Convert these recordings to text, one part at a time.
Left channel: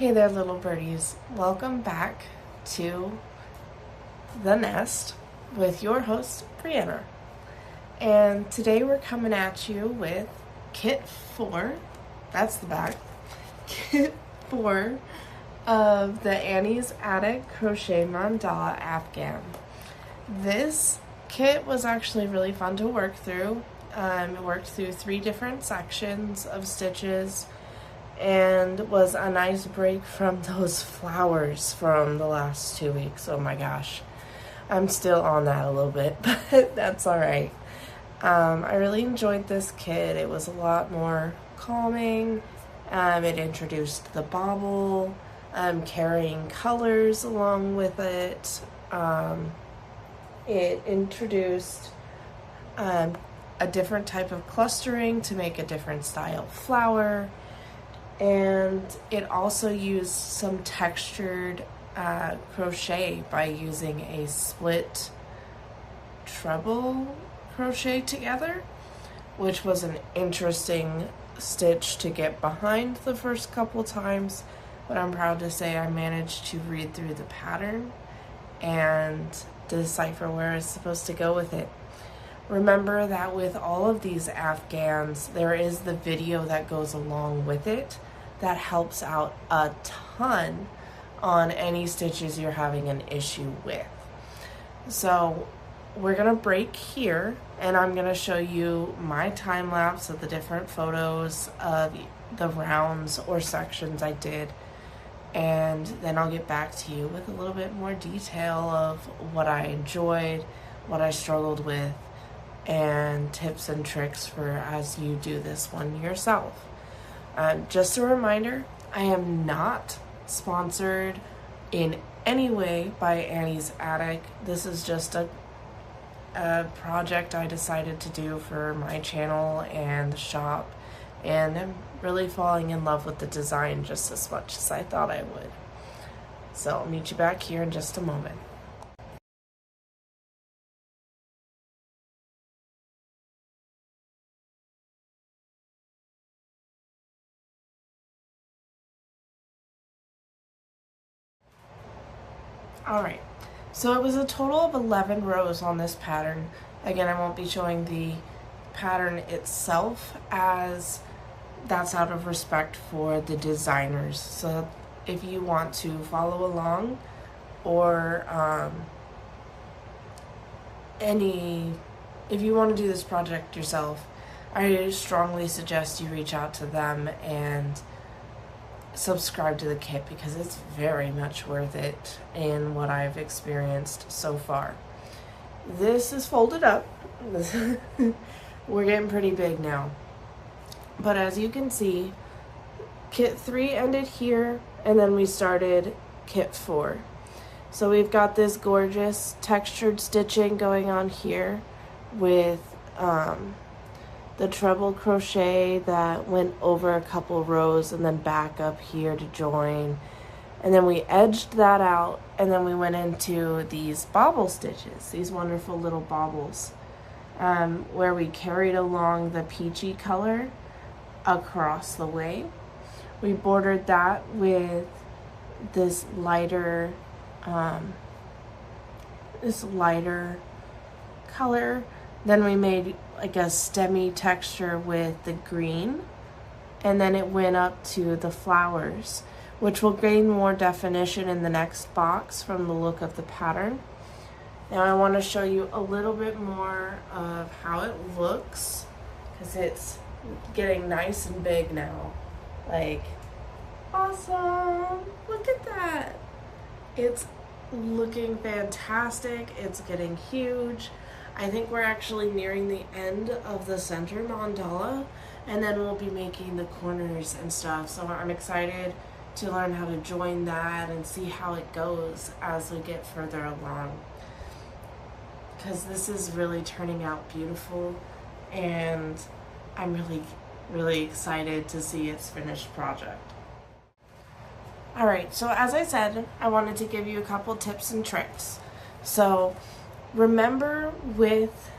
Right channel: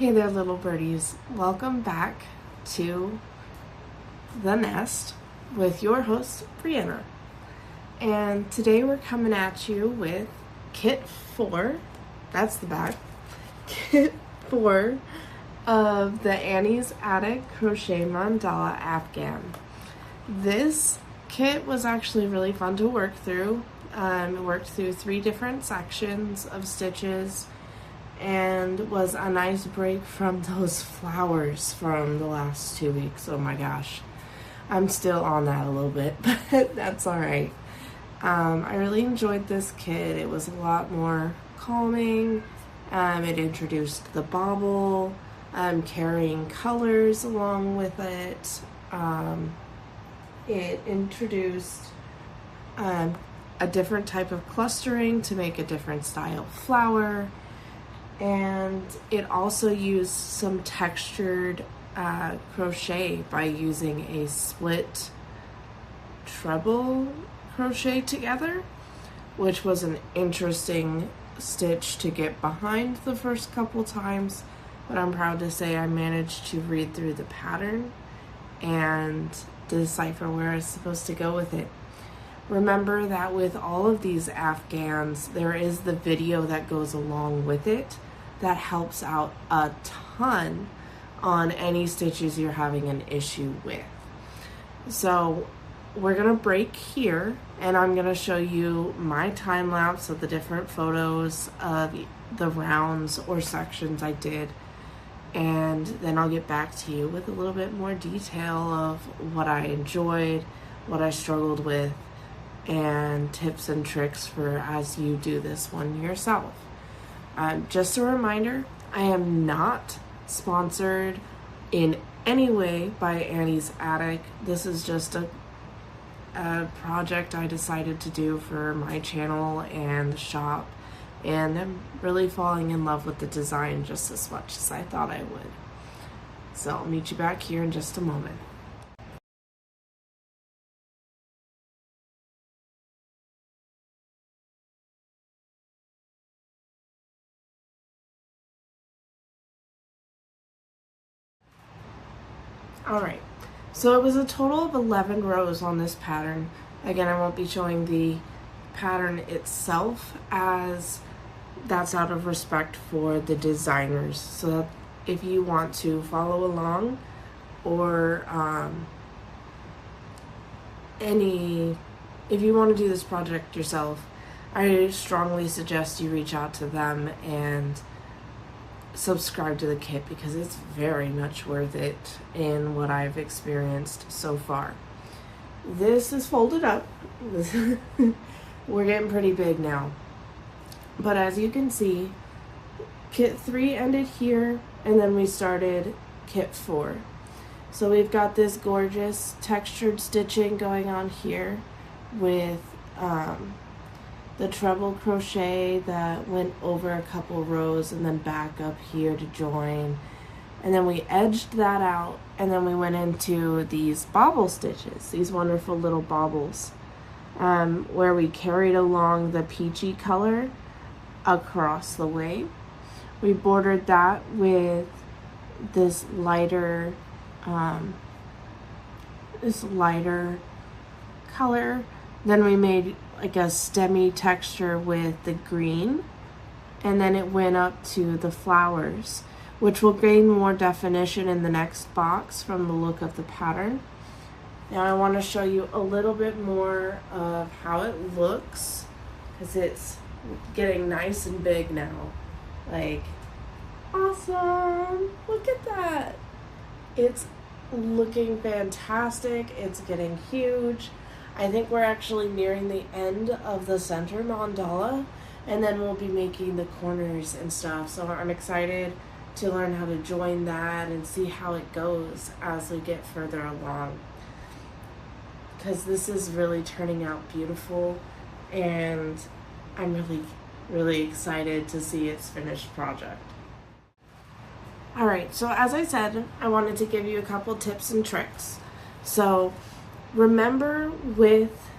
Hey there, little birdies. Welcome back to The Nest with your host, Brianna. And today we're coming at you with Kit 4, that's the back, Kit 4 of the Annie's Attic Crochet Mandala Afghan. This kit was actually really fun to work through. It worked through 3 different sections of stitches and was a nice break from those flowers from the last 2 weeks. Oh my gosh. I'm still on that a little bit, but that's all right. I really enjoyed this kit. It was a lot more calming. It introduced the bobble, carrying colors along with it. It introduced a different type of clustering to make a different style flower. And it also used some textured crochet by using a split treble crochet together, which was an interesting stitch to get behind the first couple times, but I'm proud to say I managed to read through the pattern and decipher where I was supposed to go with it. Remember that with all of these Afghans, there is the video that goes along with it that helps out a ton on any stitches you're having an issue with. So we're gonna break here and I'm gonna show you my time lapse of the different photos of the rounds or sections I did, and then I'll get back to you with a little bit more detail of what I enjoyed, what I struggled with, and tips and tricks for as you do this one yourself. Just a reminder, I am not sponsored in any way by Annie's Attic. This is just a project I decided to do for my channel and the shop, and I'm really falling in love with the design just as much as I thought I would. So I'll meet you back here in just a moment. Alright, so it was a total of 11 rows on this pattern. Again, I won't be showing the pattern itself as that's out of respect for the designers. So if you want to follow along or if you want to do this project yourself, I strongly suggest you reach out to them and subscribe to the kit because it's very much worth it in what I've experienced so far. This is folded up. We're getting pretty big now. But as you can see, kit 3 ended here and then we started kit 4. So we've got this gorgeous textured stitching going on here with the treble crochet that went over a couple rows and then back up here to join. And then we edged that out and then we went into these bobble stitches, these wonderful little bobbles, where we carried along the peachy color across the way. We bordered that with this lighter color. Then we made like a stemmy texture with the green, and then it went up to the flowers, which will gain more definition in the next box from the look of the pattern. Now I want to show you a little bit more of how it looks, because it's getting nice and big now. Like, awesome! Look at that! It's looking fantastic. It's getting huge. I think we're actually nearing the end of the center mandala, and then we'll be making the corners and stuff. So I'm excited to learn how to join that and see how it goes as we get further along, because this is really turning out beautiful and I'm really excited to see its finished project. Alright, so as I said, I wanted to give you a couple tips and tricks. So remember, with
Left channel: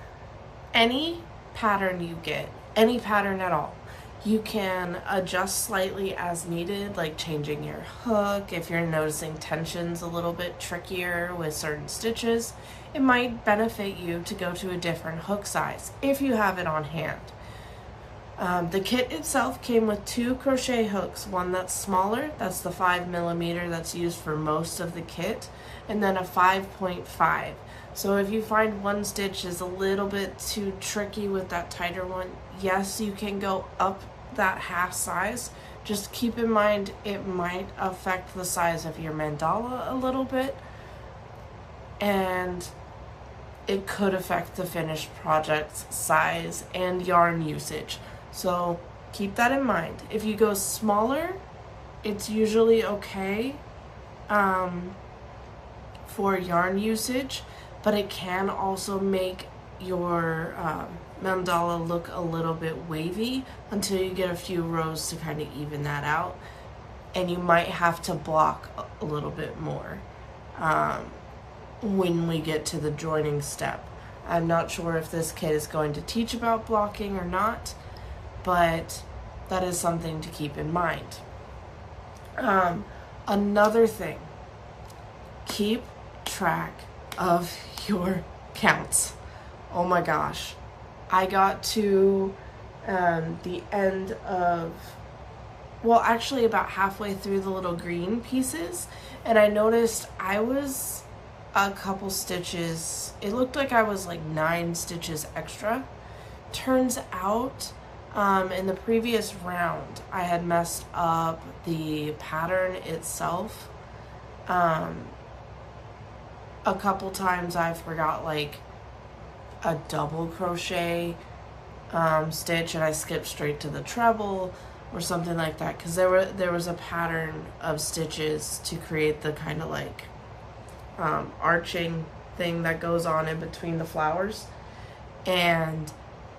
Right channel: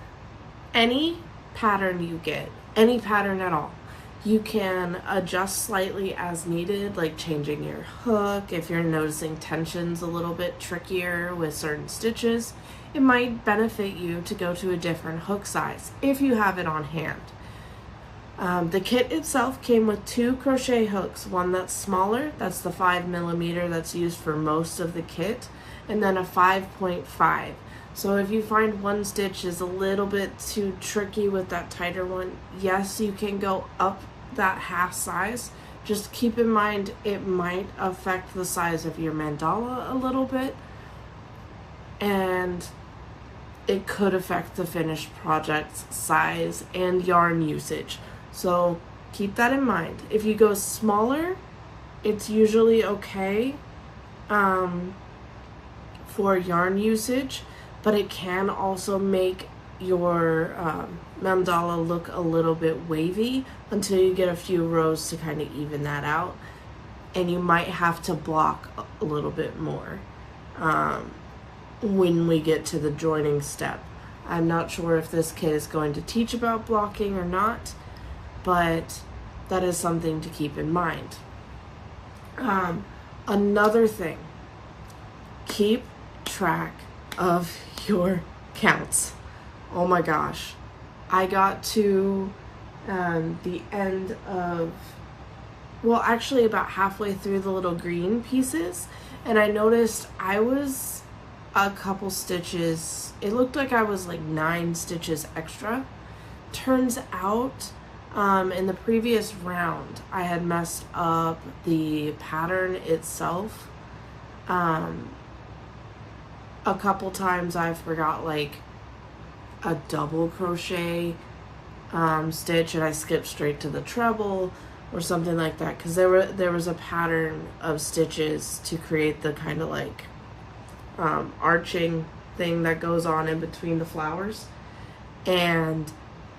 any pattern you get, any pattern at all, You can adjust slightly as needed, like changing your hook. If you're noticing tension's a little bit trickier with certain stitches, it might benefit you to go to a different hook size if you have it on hand. The kit itself came with 2 crochet hooks, one that's smaller, that's the 5mm that's used for most of the kit, and then a 5.5. So if you find one stitch is a little bit too tricky with that tighter one, yes, you can go up that half size. Just keep in mind it might affect the size of your mandala a little bit, and it could affect the finished project's size and yarn usage. So keep that in mind. If you go smaller, it's usually okay for yarn usage, but it can also make your mandala look a little bit wavy until you get a few rows to kind of even that out, and you might have to block a little bit more when we get to the joining step. I'm not sure if this kit is going to teach about blocking or not, but that is something to keep in mind. Another thing, keep track of your counts. Oh my gosh, I got to the end of, well, actually about halfway through the little green pieces, and I noticed I was a couple stitches, it looked like I was like 9 stitches extra. Turns out in the previous round I had messed up the pattern itself. A couple times I forgot like a double crochet stitch, and I skipped straight to the treble or something like that, because there was a pattern of stitches to create the kind of like arching thing that goes on in between the flowers, and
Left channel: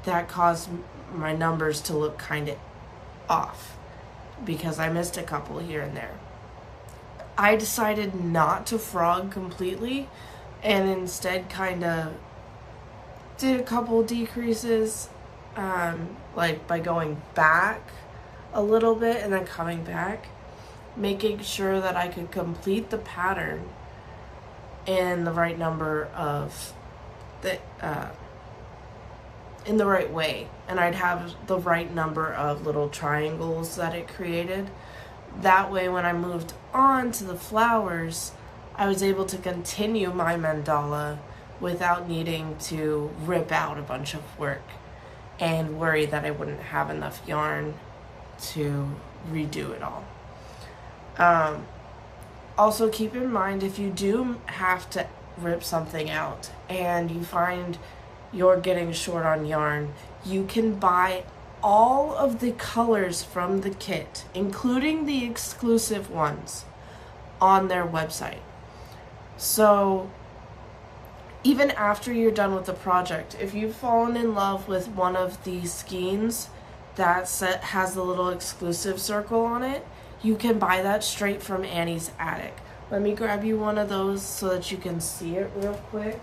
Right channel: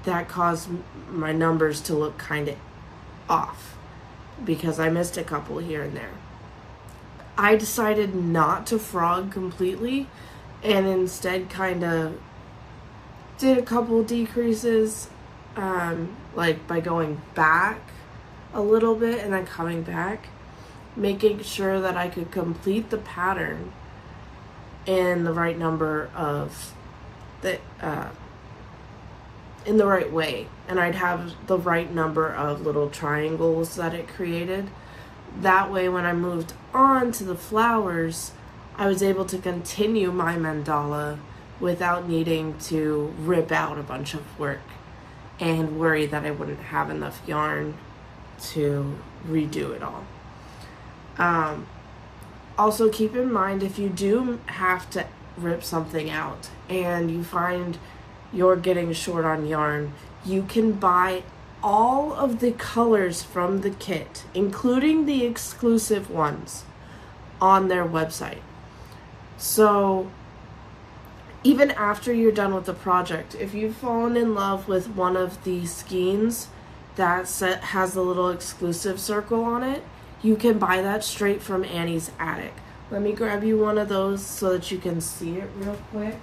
that caused my numbers to look kind of off because I missed a couple here and there. I decided not to frog completely and instead kind of did a couple decreases, like by going back a little bit and then coming back, making sure that I could complete the pattern in the right number of in the right way, and I'd have the right number of little triangles that it created. That way when I moved on to the flowers, I was able to continue my mandala without needing to rip out a bunch of work and worry that I wouldn't have enough yarn to redo it all. Also keep in mind, if you do have to rip something out and you find you're getting short on yarn, you can buy all of the colors from the kit, including the exclusive ones, on their website. So even after you're done with the project, if you've fallen in love with one of the skeins that has the little exclusive circle on it, you can buy that straight from Annie's Attic. Let me grab you one of those so that you can see it real quick.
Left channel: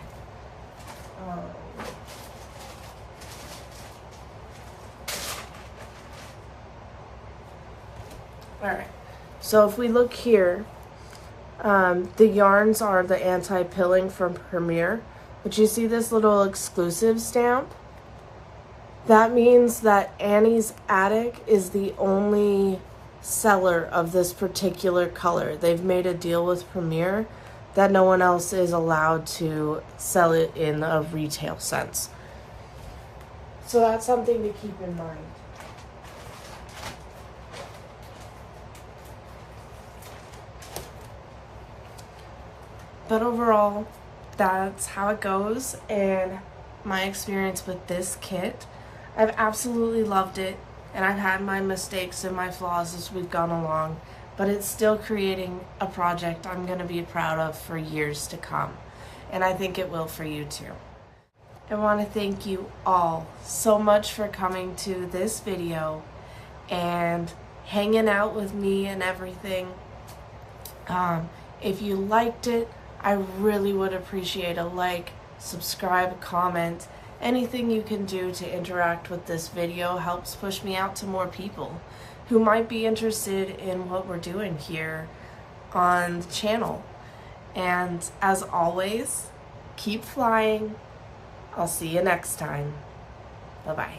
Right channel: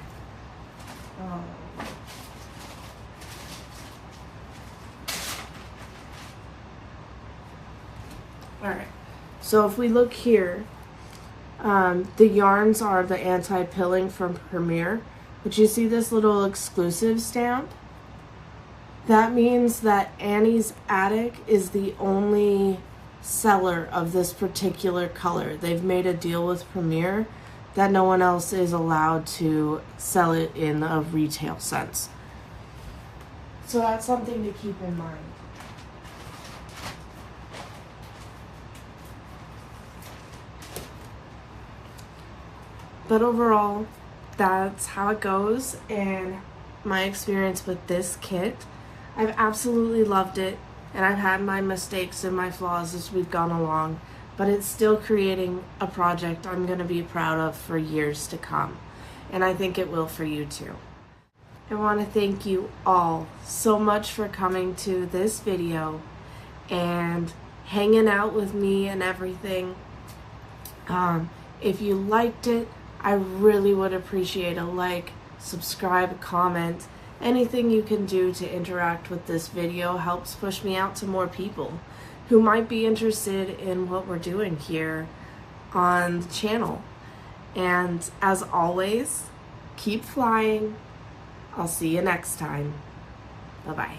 Alright, so if we look here, the yarns are the anti-pilling from Premier, but you see this little exclusive stamp? That means that Annie's Attic is the only seller of this particular color. They've made a deal with Premier that no one else is allowed to sell it in a retail sense. So that's something to keep in mind. But overall, that's how it goes, and my experience with this kit. I've absolutely loved it, and I've had my mistakes and my flaws as we've gone along, but it's still creating a project I'm going to be proud of for years to come, and I think it will for you too. I want to thank you all so much for coming to this video and hanging out with me and everything. If you liked it, I really would appreciate a like, subscribe, comment, Anything you can do to interact with this video helps push me out to more people who might be interested in what we're doing here on the channel. And as always, keep flying. I'll see you next time. Bye-bye.